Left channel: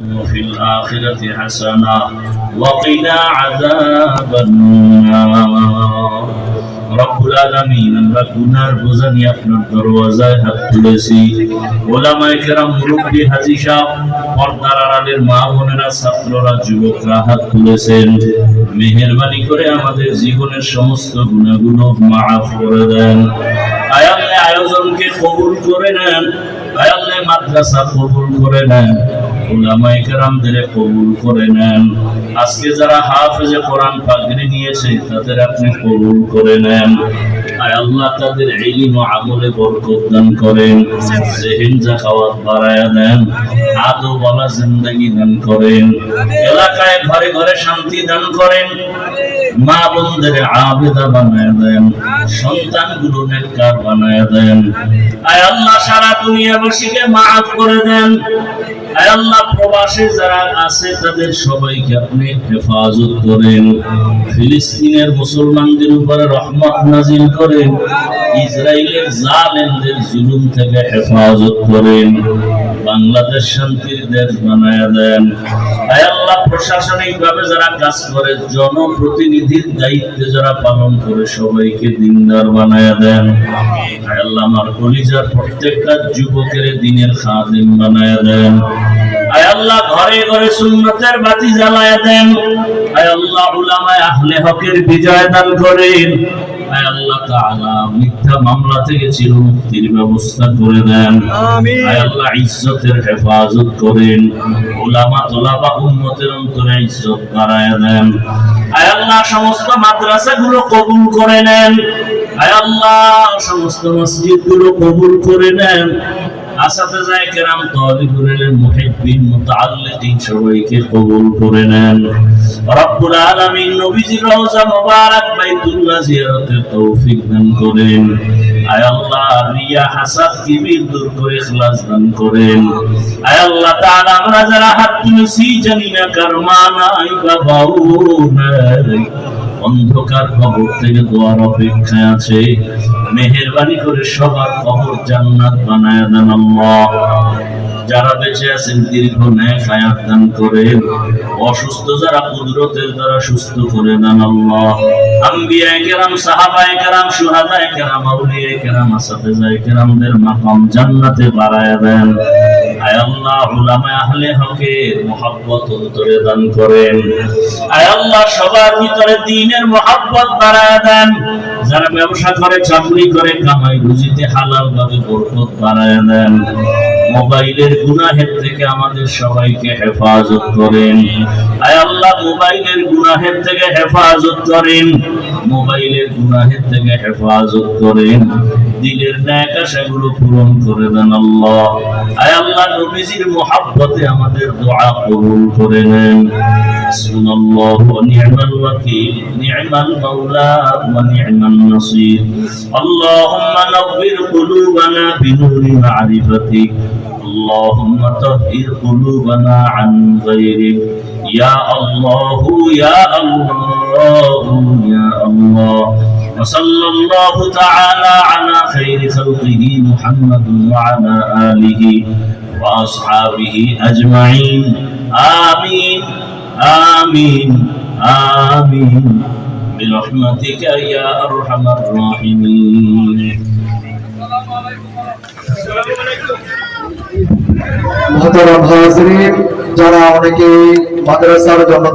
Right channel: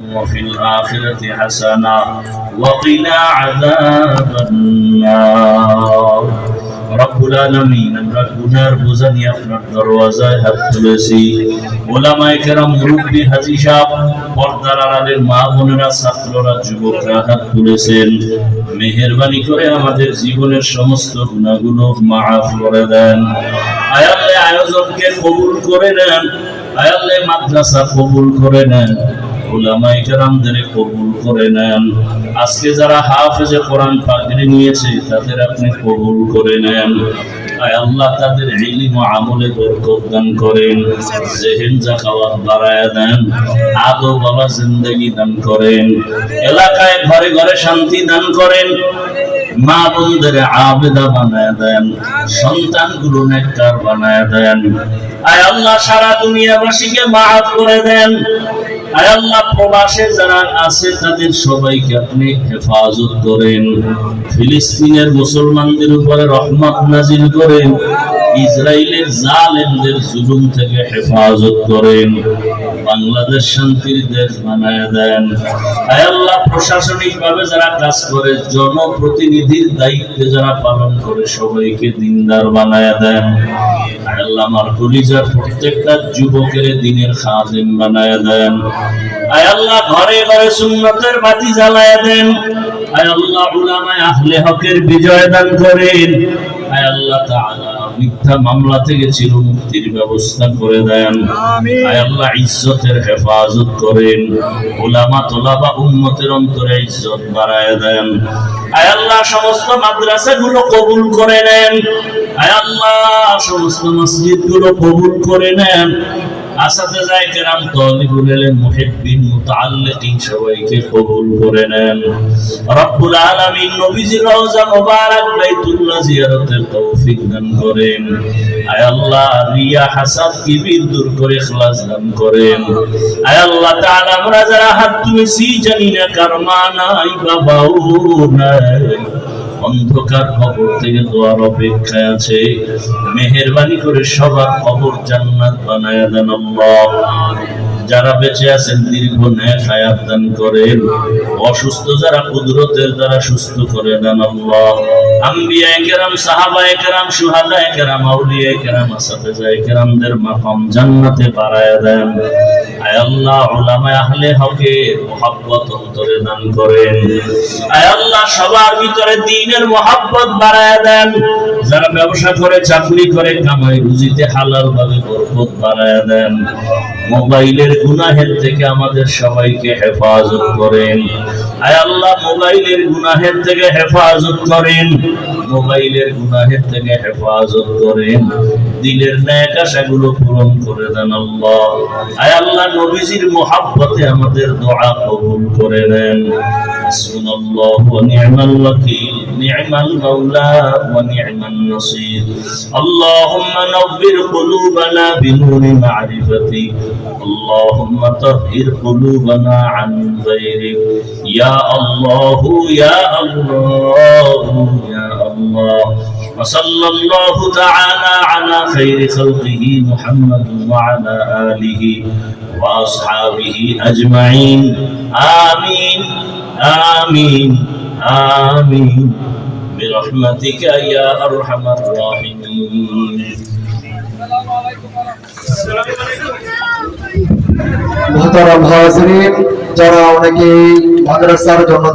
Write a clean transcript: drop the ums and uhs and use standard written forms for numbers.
وفي الآخرة حسنة وقنا عذاب النار রব্বুল আলামিন আমরা গুনার বোঝা নিয়ে আপনার দরওয়াজায় হাত তুলেছি। ওলামায়ে কেরাম, মুরব্বি, হাজী সাহেব, পর্দার আড়ালের মা বোনেরা, ছাত্ররা, যুবকরা হাত তুলেছেন। মেহেরবানি করে আমাদের জীবনের সমস্ত গুনাহগুলো মাফ করে দেন। আয় আল্লাহ, আয়োজনকে কবুল করে নেন। আয় আল্লাহ, মাদ্রাসা কবুল করে নেন। উলামায়ে কেরামদের কবুল করে নেন। আজকে যারা হাফেজে কোরআন পাগড়ি নিয়েছে তাদের আপনি কবুল করে নেন। আয় আল্লাহ, তাদের ইলম ও আমলে বরকত দান করেন। জেহেন জাকাওয়াত বাড়ায়া দেন। আদব ওয়ালা জিন্দেগি দান করেন। এলাকায় ঘরে ঘরে শান্তি দান করেন। মা বোনদের আবেদা বানায়া দেন। সন্তানগুলো নেককার বানায়া দেন। আয় আল্লাহ, সারা দুনিয়াবাসীকে মাফ করে দেন। আয় আল্লাহ, প্রবাসে যারা আছে তাদের সবাইকে আপনি হেফাজত করেন। ফিলিস্তিনের মুসলমানদের উপরে রহমত নাজিল করেন। ইসরায়েলের জালেমদের জুলুম থেকে হেফাজত করেন। বাংলাদেশ শান্তির দেশ বানায়া দেন। আয় আল্লাহ, প্রশাসনিক ভাবে যারা কাজ করে, জনপ্রতিনিধির দায়িত্বে যারা পালন করে, সবাইকে দিনদার বানায়া দেন। আয় আল্লাহ, আমার কলিজার প্রত্যেকটা যুবকের দিনের খাদেম বানায়া দেন। আয় আল্লাহ, ঘরে ঘরে সুন্নতের বাতি জ্বালায়া দেন। আয় আল্লাহ, উলামায়ে আহলে হকের বিজয় দান করেন। আয় আল্লাহ তাআলা, মিথ্যা মামলা থেকে চিরমুক্তির ব্যবস্থা করে দেন। আয় আল্লাহ, ইজ্জতের হেফাজত করেন। উলামা তোলাবা উম্মতের অন্তরে ইজ্জত বাড়ায় দেন। আয় আল্লাহ, সমস্ত মাদ্রাসাগুলো কবুল করে নেন। আয় আল্লাহ, সমস্ত মসজিদগুলো কবুল করে নেন। আসাতিজায়ে কেরাম, তালিবুল ইলম, মুহিব্বিন, মুতাআল্লিকিন সবাইকে কবুল করে নেন। রব্বুল আলামিন নবীজির রওজা মুবারক বাইতুল্লাহ জিয়ারতের তৌফিক দান করেন। আয় আল্লাহ, রিয়া, হাসাদ, কিবির দূর করে ইখলাস দান করেন। আয় আল্লাহ তাআলা, আমরা যারা হাত তুলেছি জানি না কার মা নাই, বাবাও নাই, অন্ধকার কবর থেকে দোয়ার অপেক্ষায় আছে। মেহেরবানি করে সবার কবর জান্নাত বানায়া দেন আল্লাহ। যারা বেঁচে আছেন দীর্ঘ নেক হায়াত দান করেন। অসুস্থ যারা কুদরতের দ্বারা সুস্থ করে দেন আল্লাহ। আম্বিয়ায়ে কেরাম, সাহাবায়ে কেরাম, শুহাদায়ে কেরাম, আউলিয়ায়ে কেরাম, আসাতিজায়ে কেরামদের মাকাম জান্নাতে বাড়ায়া দেন। আয় আল্লাহ, উলামায়ে আহলে হকের মুহাব্বত অন্তরে দান করেন। আয় আল্লাহ, সবার ভিতরে দ্বীনের মুহাব্বত বাড়ায়া দেন। যারা ব্যবসা করে, চাকরি করে, কামাই রুজিতে হালাল ভাবে বরকত বাড়ায়া দেন। মোবাইলের গুনাহের থেকে আমাদের সবাইকে হেফাজত করেন। আয় আল্লাহ, মোবাইলের গুনাহের থেকে হেফাজত করেন। মোবাইলের গুনাহের থেকে হেফাজত করেন। দিলের নেক আশাগুলো পূরণ করে দেন আল্লাহ। আয় আল্লাহ, নবীজির মুহাব্বতে আমাদের দোয়া কবুল করে নেন। হাসবুনাল্লাহু ওয়া নি'মাল ওয়াকিল, নি'মাল মাওলা ওয়া নি'মান নাসির। আল্লাহুম্মা নাওবির কুলুবানা বিনুরি মা'রিফাতিক। اللهم طهر قلوبنا عن غيرك يا الله يا الله يا الله. وصلى الله تعالى على خير خلقه محمد وعلى آله وأصحابه أجمعين. آمين آمين آمين برحمتك يا أرحم الراحمين. মোহতারাম হাজিরিন, যারা অনেকে মাদ্রাসার জন্য